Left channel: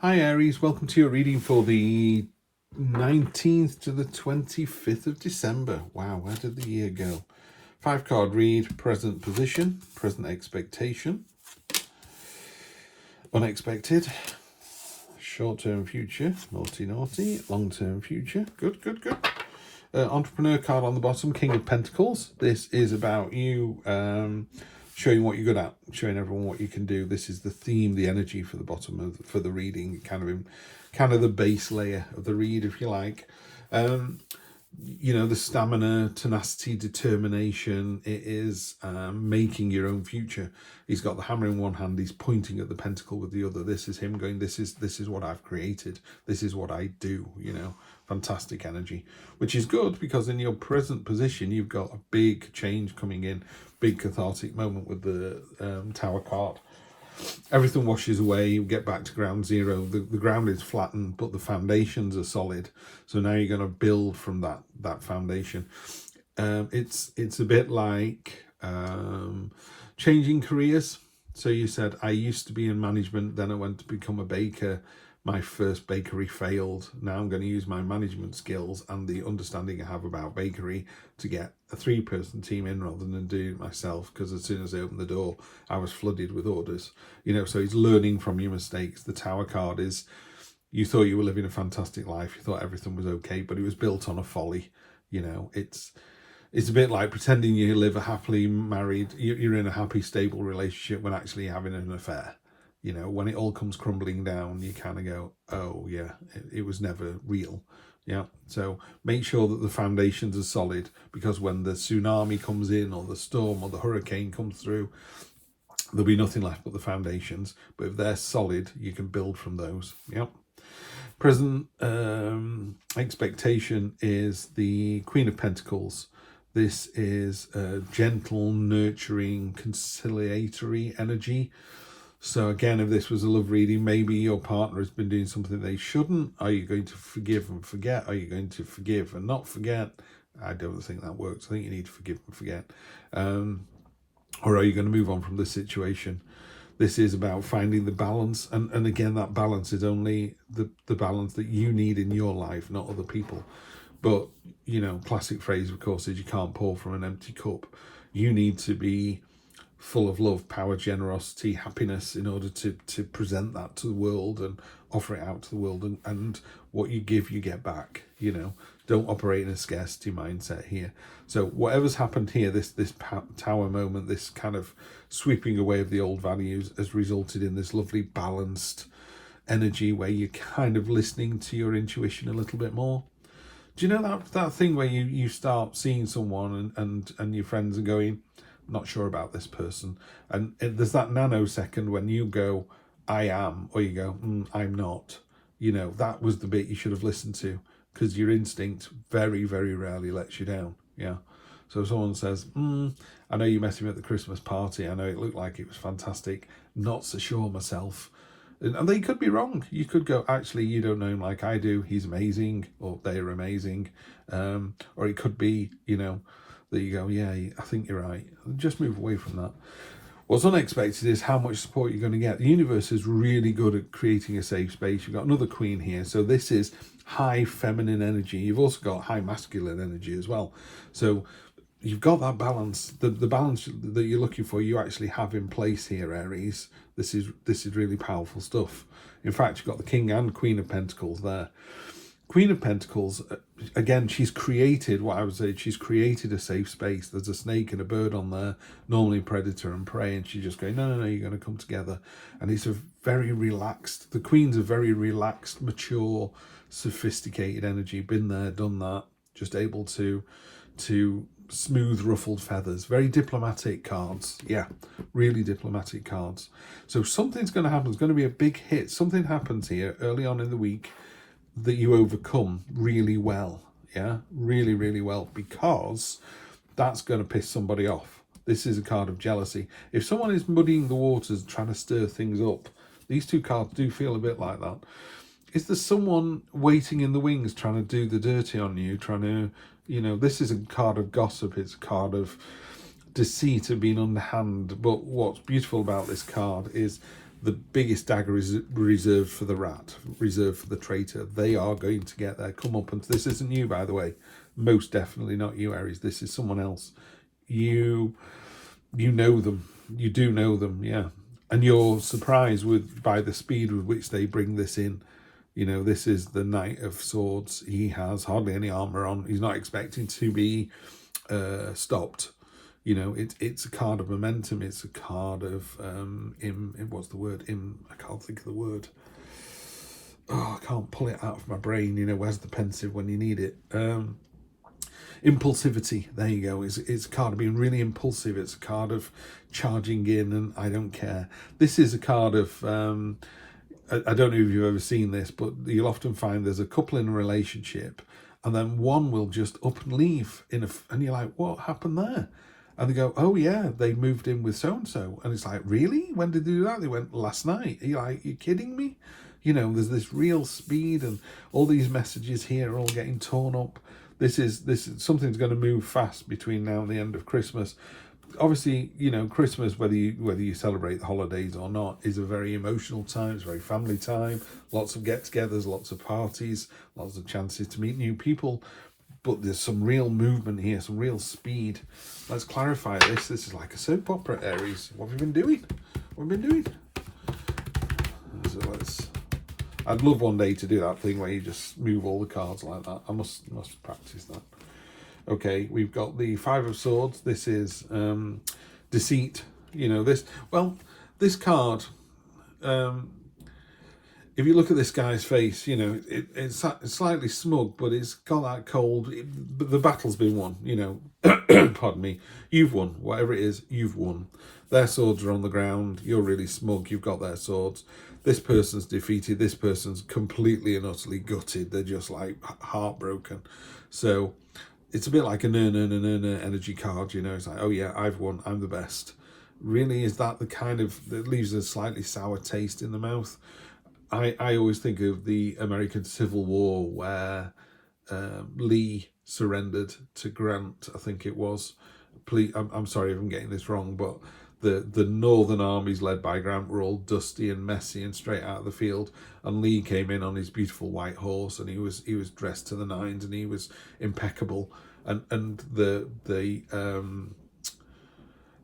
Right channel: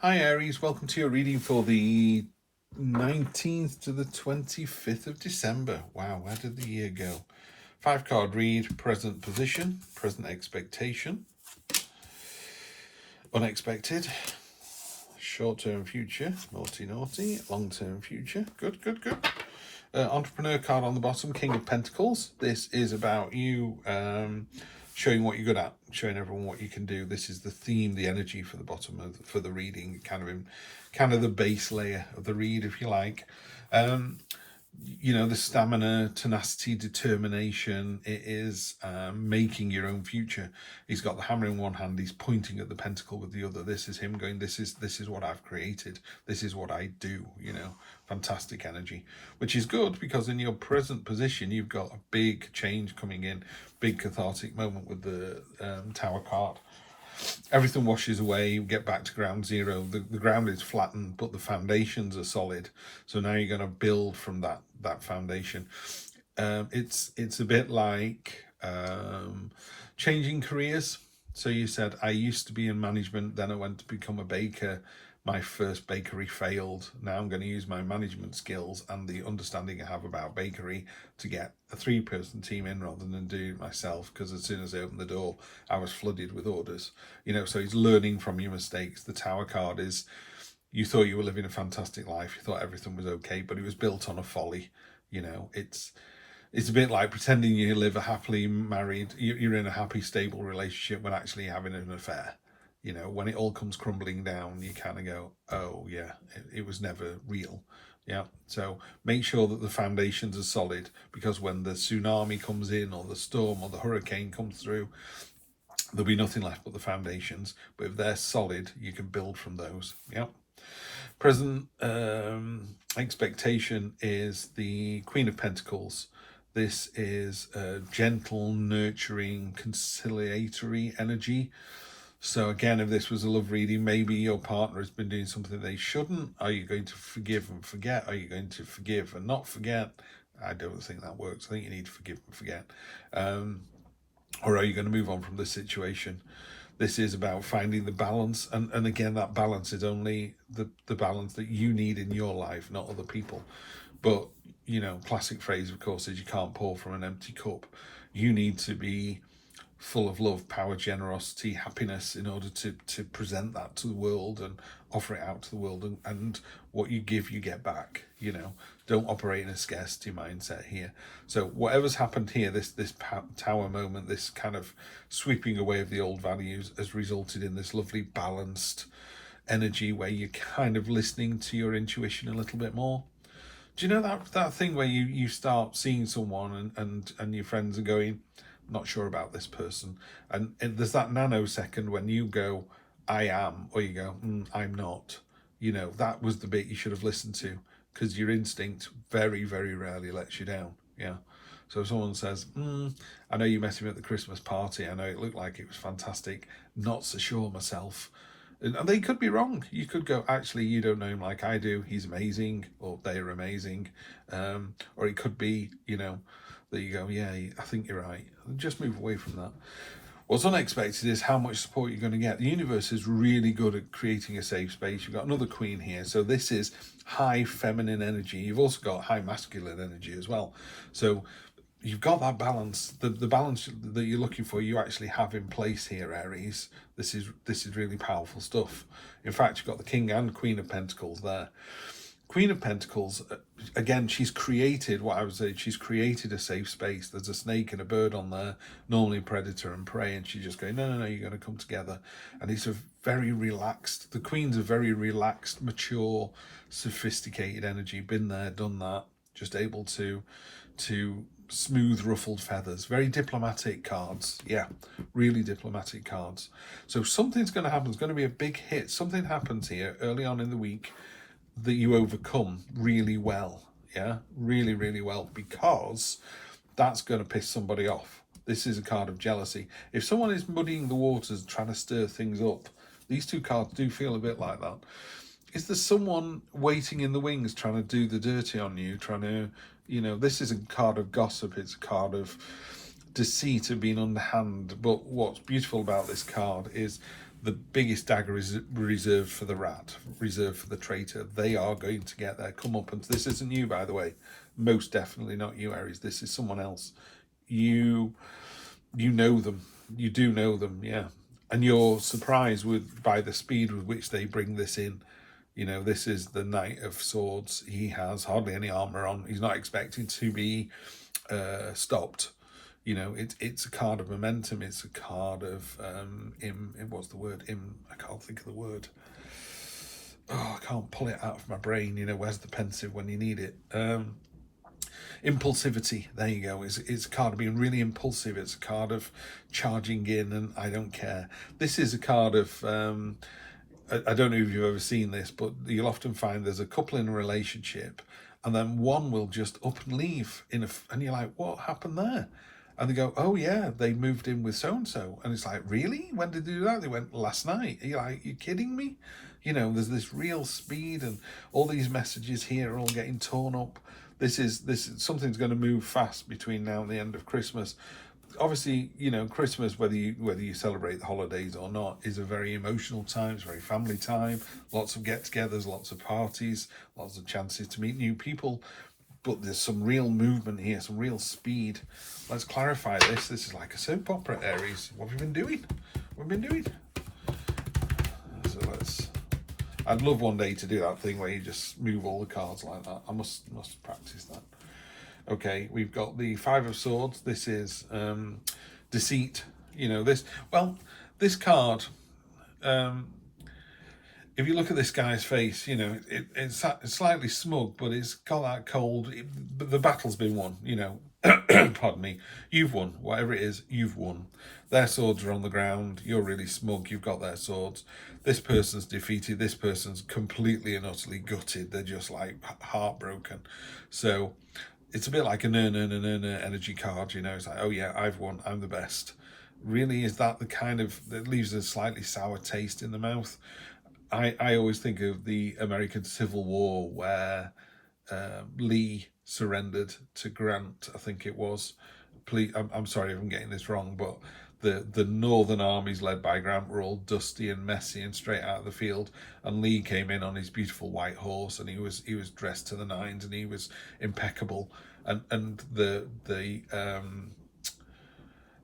Hi Aries, welcome to your reading for the 19th to the 25th of December. Wow, where did the year go? 5 card read, present position, present expectation, unexpected, short-term future, naughty, long-term future, good. Entrepreneur card on the bottom, King of Pentacles. This is about you showing what you're good at, showing everyone what you can do. This is the theme, the energy for the bottom for the reading, kind of the base layer of the read, if you like. The stamina, tenacity, determination. It is making your own future. He's got the hammer in one hand. He's pointing at the pentacle with the other. This is him going, this is what I've created. This is what I do. Fantastic energy, which is good because in your present position, you've got a big change coming in, big cathartic moment with the Tower card. Everything washes away, you get back to ground zero. The ground is flattened, but the foundations are solid. So now you're going to build from that foundation. It's a bit like changing careers. So you said, I used to be in management, then I went to become a baker. My first bakery failed. Now I'm going to use my management skills and the understanding I have about bakery to get a 3-person team in rather than do it myself, because as soon as I opened the door, I was flooded with orders. So he's learning from your mistakes. The Tower card is, you thought you were living a fantastic life. You thought everything was okay, but it was built on a folly. It's a bit like pretending you live a happily married, you're in a happy, stable relationship when actually having an affair. When it all comes crumbling down, you kind of go, oh yeah, it was never real. Yeah. So make sure that the foundations are solid, because when the tsunami comes in or the storm or the hurricane comes through, there'll be nothing left but the foundations. But if they're solid, you can build from those. Yeah. Present expectation is the Queen of Pentacles. This is a gentle, nurturing, conciliatory energy. So again, if this was a love reading, maybe your partner has been doing something they shouldn't. Are you going to forgive and forget? Are you going to forgive and not forget? I don't think that works. I think you need to forgive and forget. Or are you going to move on from this situation? This is about finding the balance. And again, that balance is only the balance that you need in your life, not other people. But, classic phrase, of course, is you can't pour from an empty cup. You need to be full of love, power, generosity, happiness in order to present that to the world and offer it out to the world. And what you give, you get back. Don't operate in a scarcity mindset here. So whatever's happened here, this Tower moment, this kind of sweeping away of the old values, has resulted in this lovely balanced energy where you're kind of listening to your intuition a little bit more. Do you know that thing where you start seeing someone and your friends are going, not sure about this person, and there's that nanosecond when you go, I am, or you go, I'm not. That was the bit you should have listened to, because your instinct very, very rarely lets you down. Yeah. So if someone says, I know you met him at the Christmas party, I know it looked like it was fantastic, not so sure myself. And they could be wrong. You could go, actually, you don't know him like I do. He's amazing, or they're amazing. Or it could be, that you go, yeah, I think you're right. Just move away from that. What's unexpected is how much support you're going to get. The universe is really good at creating a safe space. You've got another queen here. So this is high feminine energy. You've also got high masculine energy as well. So you've got that balance. The balance that you're looking for, you actually have in place here, Aries. This is really powerful stuff. In fact, you've got the King and Queen of Pentacles there. Queen of Pentacles, again, she's created a safe space. There's a snake and a bird on there, normally predator and prey, and she's just going, no, you're going to come together. And it's a very relaxed, the Queen's a very relaxed, mature, sophisticated energy, been there, done that, just able to smooth ruffled feathers. Very diplomatic cards. Yeah, really diplomatic cards. So something's going to happen. There's going to be a big hit. Something happens here early on in the week that you overcome really well. Yeah, really, really well, because that's going to piss somebody off. This is a card of jealousy. If someone is muddying the waters, trying to stir things up, these two cards do feel a bit like that. Is there someone waiting in the wings trying to do the dirty on you, trying to, this is a card of gossip. It's a card of deceit, of being underhand. But what's beautiful about this card is the biggest dagger is reserved for the rat, reserved for the traitor. They are going to get their comeuppance. This isn't you, by the way. Most definitely not you, Aries. This is someone else. You know them. You do know them, yeah. And you're surprised by the speed with which they bring this in. You know, this is the Knight of Swords. He has hardly any armor on. He's not expecting to be stopped. You know, it's a card of momentum. It's a card of what's the word? I can't think of the word. Oh, I can't pull it out of my brain. You know, where's the pensive when you need it? Impulsivity. There you go. It's a card of being really impulsive. It's a card of charging in and I don't care. This is a card of I don't know if you've ever seen this, but you'll often find there's a couple in a relationship and then one will just up and leave and you're like, what happened there? And they go, oh yeah, they moved in with so-and-so. And it's like, really? When did they do that? They went, last night. You're like, you kidding me? You know, there's this real speed and all these messages here are all getting torn up. This is something's going to move fast between now and the end of Christmas. Obviously, you know, Christmas, whether you celebrate the holidays or not, is a very emotional time. It's a very family time. Lots of get-togethers, lots of parties, lots of chances to meet new people. But there's some real movement here, some real speed. Let's clarify this. This is like a soap opera, Aries. What have you been doing? What have you been doing? So I'd love one day to do that thing where you just move all the cards like that. I must practice that. Okay, we've got the Five of Swords. This is deceit. You know, this card, if you look at this guy's face, you know, it's slightly smug, but it's got that cold, the battle's been won, you know, pardon me, you've won, whatever it is, you've won. Their swords are on the ground, you're really smug, you've got their swords. This person's defeated, this person's completely and utterly gutted, they're just like heartbroken. So it's a bit like an energy card, you know, it's like, oh yeah, I've won, I'm the best. Really, is that the kind of, that leaves a slightly sour taste in the mouth? I always think of the American Civil War where Lee surrendered to Grant, I think it was. Please, I'm sorry if I'm getting this wrong, but the northern armies led by Grant were all dusty and messy and straight out of the field, and Lee came in on his beautiful white horse and he was dressed to the nines and he was impeccable, and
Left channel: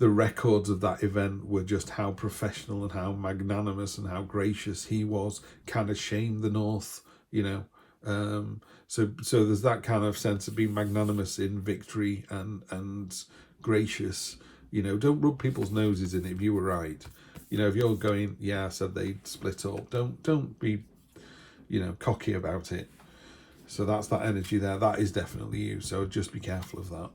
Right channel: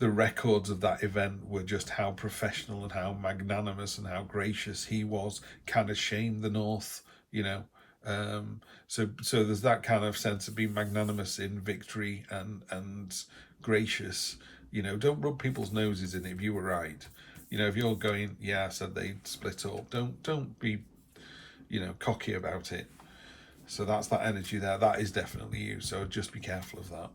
the records of that event were just how professional and how magnanimous and how gracious he was. Kind of shamed the North, you know. So there's that kind of sense of being magnanimous in victory and gracious. You know, don't rub people's noses in it if you were right. You know, if you're going, yeah, I said they'd split up, don't be, you know, cocky about it. So that's that energy there. That is definitely you. So just be careful of that.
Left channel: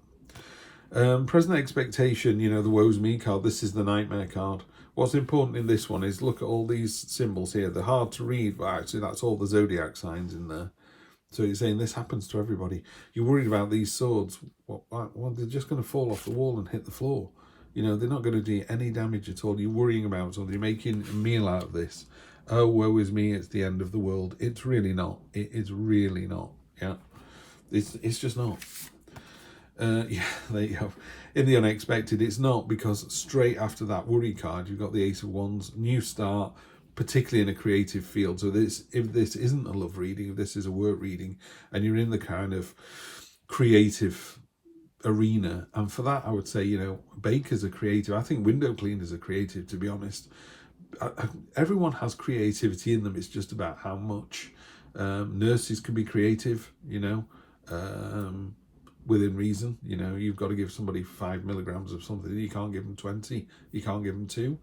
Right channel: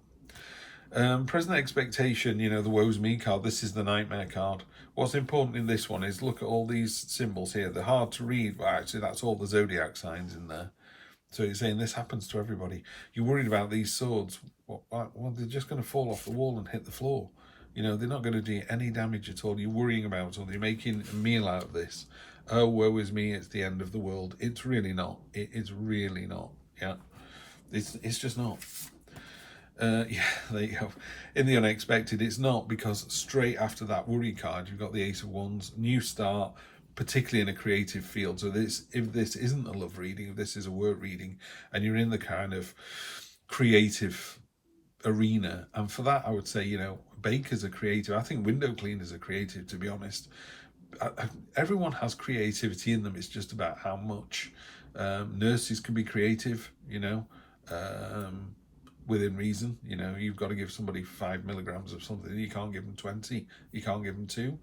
Present expectation, you know, the woe's me card. This is the nightmare card. What's important in this one is look at all these symbols here. They're hard to read, but actually that's all the zodiac signs in there. So it's saying this happens to everybody. You're worried about these swords. Well, they're just going to fall off the wall and hit the floor. You know, they're not going to do any damage at all. You're worrying about something. You're making a meal out of this. Oh, woe is me, it's the end of the world. It's really not. It is really not. Yeah. It's just not. Yeah, there you go. In the unexpected, it's not, because straight after that worry card, you've got the Ace of Wands, new start, particularly in a creative field. So if this isn't a love reading, if this is a work reading, and you're in the kind of creative arena, and for that, I would say, you know, bakers are creative. I think window cleaners are creative, to be honest. Everyone has creativity in them. It's just about how much. Nurses can be creative, you know. Within reason, you know, you've got to give somebody 5 milligrams of something. You can't give them 20. You can't give them 2,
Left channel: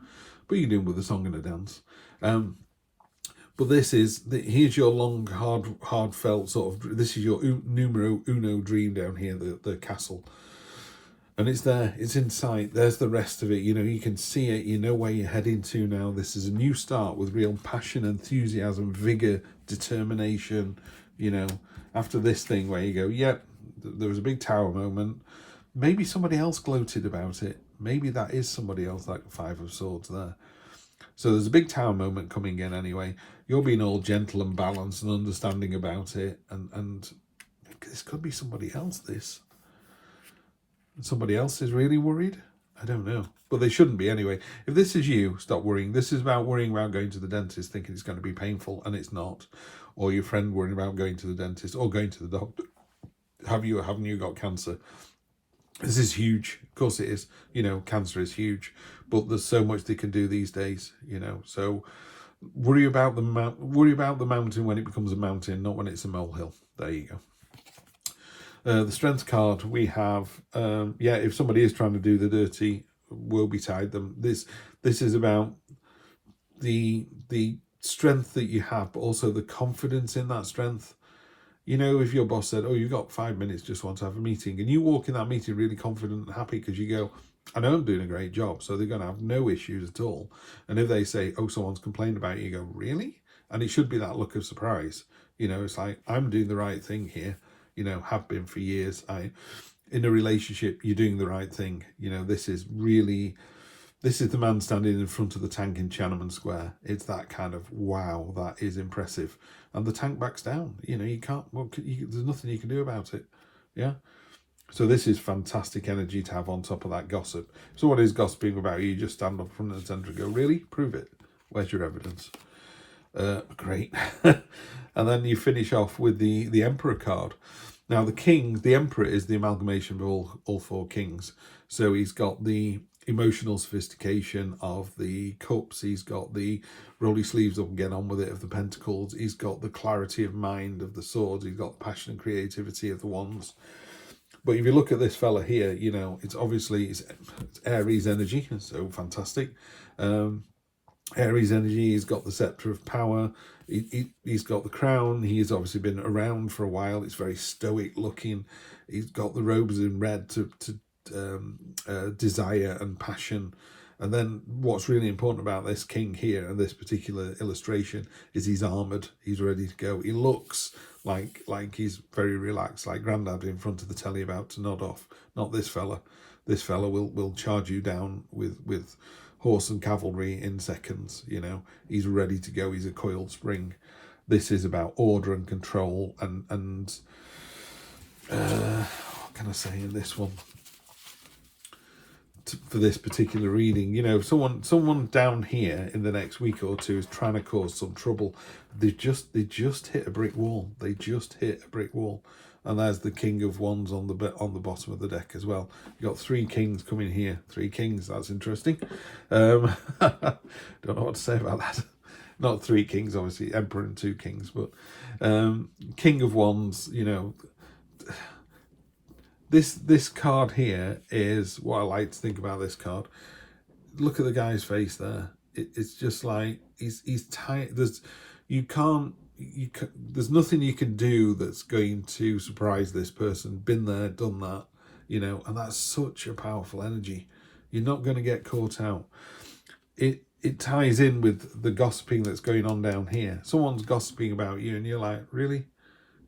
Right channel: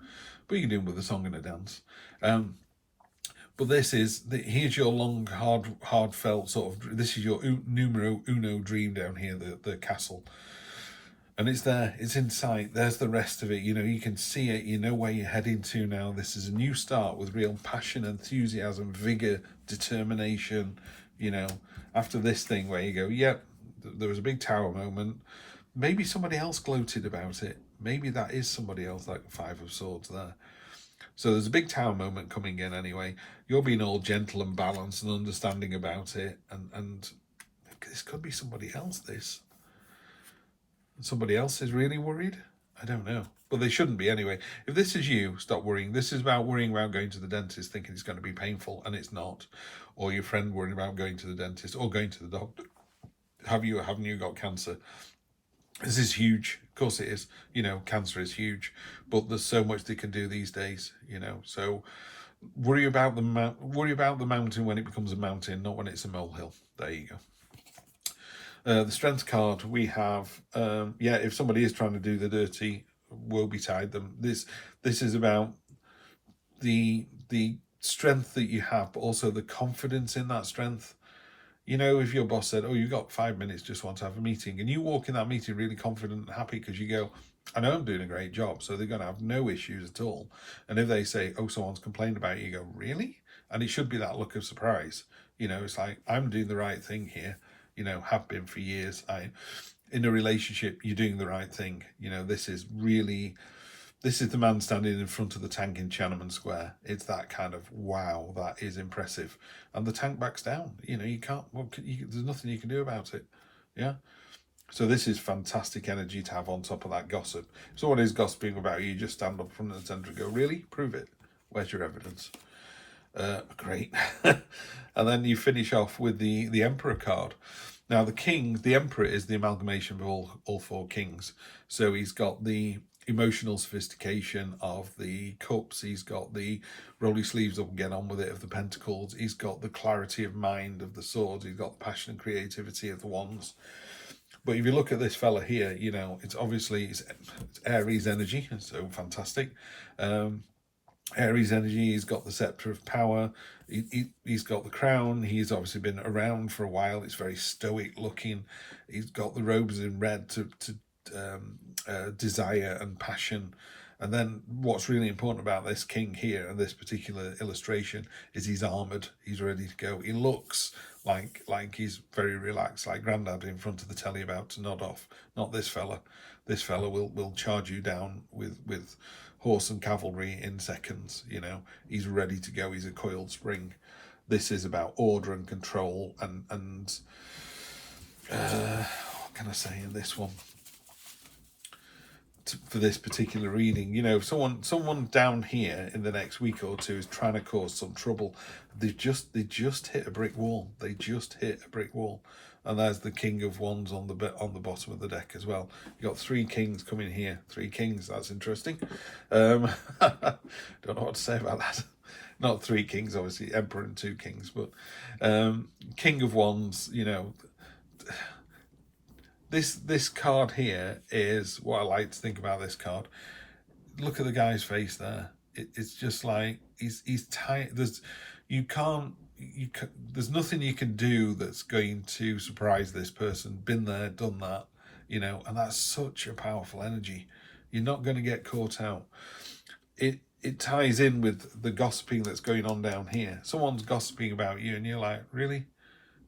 but you can do them with a song and a dance. But here's your long, hard-felt sort of. This is your numero uno dream down here, the castle, and it's there. It's in sight. There's the rest of it. You know, you can see it. You know where you're heading to now. This is a new start with real passion, enthusiasm, vigor, determination. You know, after this thing where you go, yep. There was a big tower moment. Maybe somebody else gloated about it. Maybe that is somebody else, like the Five of Swords there. So there's a big tower moment coming in anyway. You're being all gentle and balanced and understanding about it. And this could be somebody else, this. Somebody else is really worried. I don't know. But they shouldn't be anyway. If this is you, stop worrying. This is about worrying about going to the dentist thinking it's going to be painful, and it's not. Or your friend worrying about going to the dentist or going to the doctor. Haven't you got cancer? This is huge. Of course it is. You know, cancer is huge. But there's so much they can do these days, you know. So worry about the mountain when it becomes a mountain, not when it's a molehill. There you go. The strength card we have, if somebody is trying to do the dirty, woe betide them. This is about the strength that you have, but also the confidence in that strength. You know, if your boss said, oh, you've got 5 minutes, just want to have a meeting, and you walk in that meeting really confident and happy because you go, I know I'm doing a great job, so they're going to have no issues at all. And if they say, oh, someone's complained about you, you go, really? And it should be that look of surprise. You know, it's like, I'm doing the right thing here. You know, have been for years. In a relationship, you're doing the right thing. You know, this is the man standing in front of the tank in Tiananmen Square. It's that kind of, wow, that is impressive. And the tank backs down. You know, you can't, there's nothing you can do about it. Yeah. So this is fantastic energy to have on top of that gossip. If someone is gossiping about you, just stand up in front of the centre and go, really? Prove it. Where's your evidence? Great. And then you finish off with the Emperor card. Now the Emperor is the amalgamation of all 4 kings. So he's got the emotional sophistication of the cups, he's got the roll your sleeves up and get on with it of the pentacles, he's got the clarity of mind of the swords, he's got the passion and creativity of the wands. But if you look at this fella here, you know, it's obviously it's Aries energy, so fantastic. Aries energy, he's got the scepter of power, he's got the crown, he's obviously been around for a while, it's very stoic looking, he's got the robes in red to desire and passion. And then what's really important about this king here and this particular illustration is he's armoured, he's ready to go. He looks like he's very relaxed, like Grandad in front of the telly about to nod off. Not this fella. This fella will charge you down with horse and cavalry in seconds. You know, he's ready to go. He's a coiled spring. This is about order and control and what can I say in this one? For this particular reading, you know, someone down here in the next week or two is trying to cause some trouble. They just hit a brick wall. They just hit a brick wall, and there's the King of Wands on the bottom of the deck as well. You got 3 kings coming here. 3 kings. That's interesting. Don't know what to say about that. Not 3 kings, obviously, Emperor and 2 kings, but King of Wands. You know. This card here is what I like to think about this card. Look at the guy's face there. It's just like he's tight. There's nothing you can do that's going to surprise this person. Been there, done that, you know, and that's such a powerful energy. You're not going to get caught out. It ties in with the gossiping that's going on down here. Someone's gossiping about you and you're like, really?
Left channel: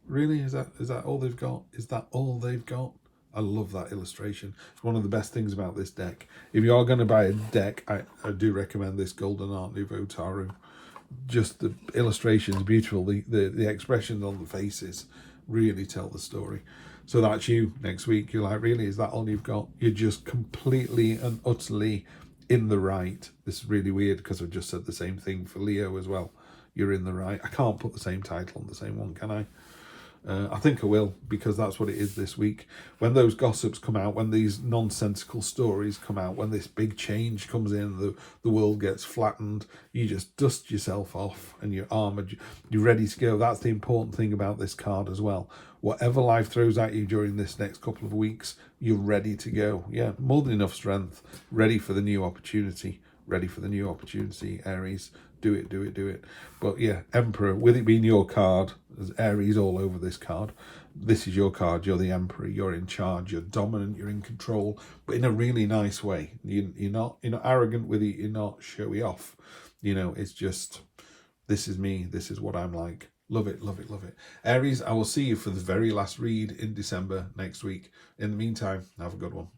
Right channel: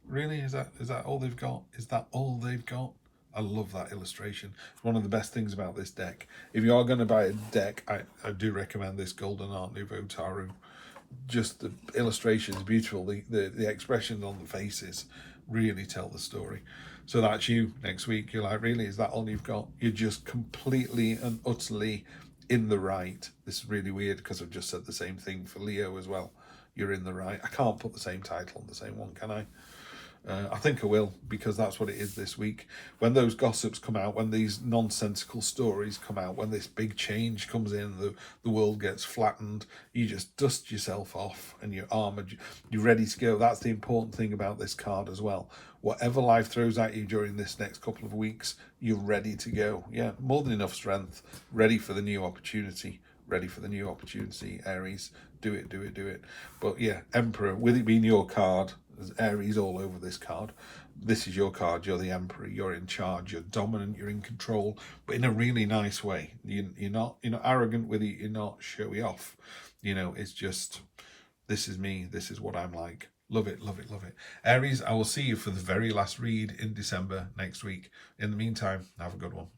Is that all they've got? Is that all they've got? I love that illustration. It's one of the best things about this deck. If you are going to buy a deck, I do recommend this Golden Art Nouveau Tarot. Just the illustrations, beautiful. The expressions on the faces really tell the story. So that's you next week. You're like, really? Is that all you've got? You're just completely and utterly in the right. This is really weird because I've just said the same thing for Leo as well. You're in the right. I can't put the same title on the same one, can I? I think I will, because that's what it is this week. When those gossips come out, when these nonsensical stories come out, when this big change comes in, the world gets flattened, you just dust yourself off and you're armoured, you're ready to go. That's the important thing about this card as well. Whatever life throws at you during this next couple of weeks, you're ready to go. Yeah, more than enough strength, ready for the new opportunity. Ready for the new opportunity, Aries. Do it. But yeah, Emperor, with it being your card, there's Aries all over this card. This is your card. You're the Emperor. You're in charge. You're dominant. You're in control, but in a really nice way. You're not arrogant with it. You're not showy off. You know, it's just, this is me. This is what I'm like. Love it. Aries, I will see you for the very last read in December next week. In the meantime, have a good one.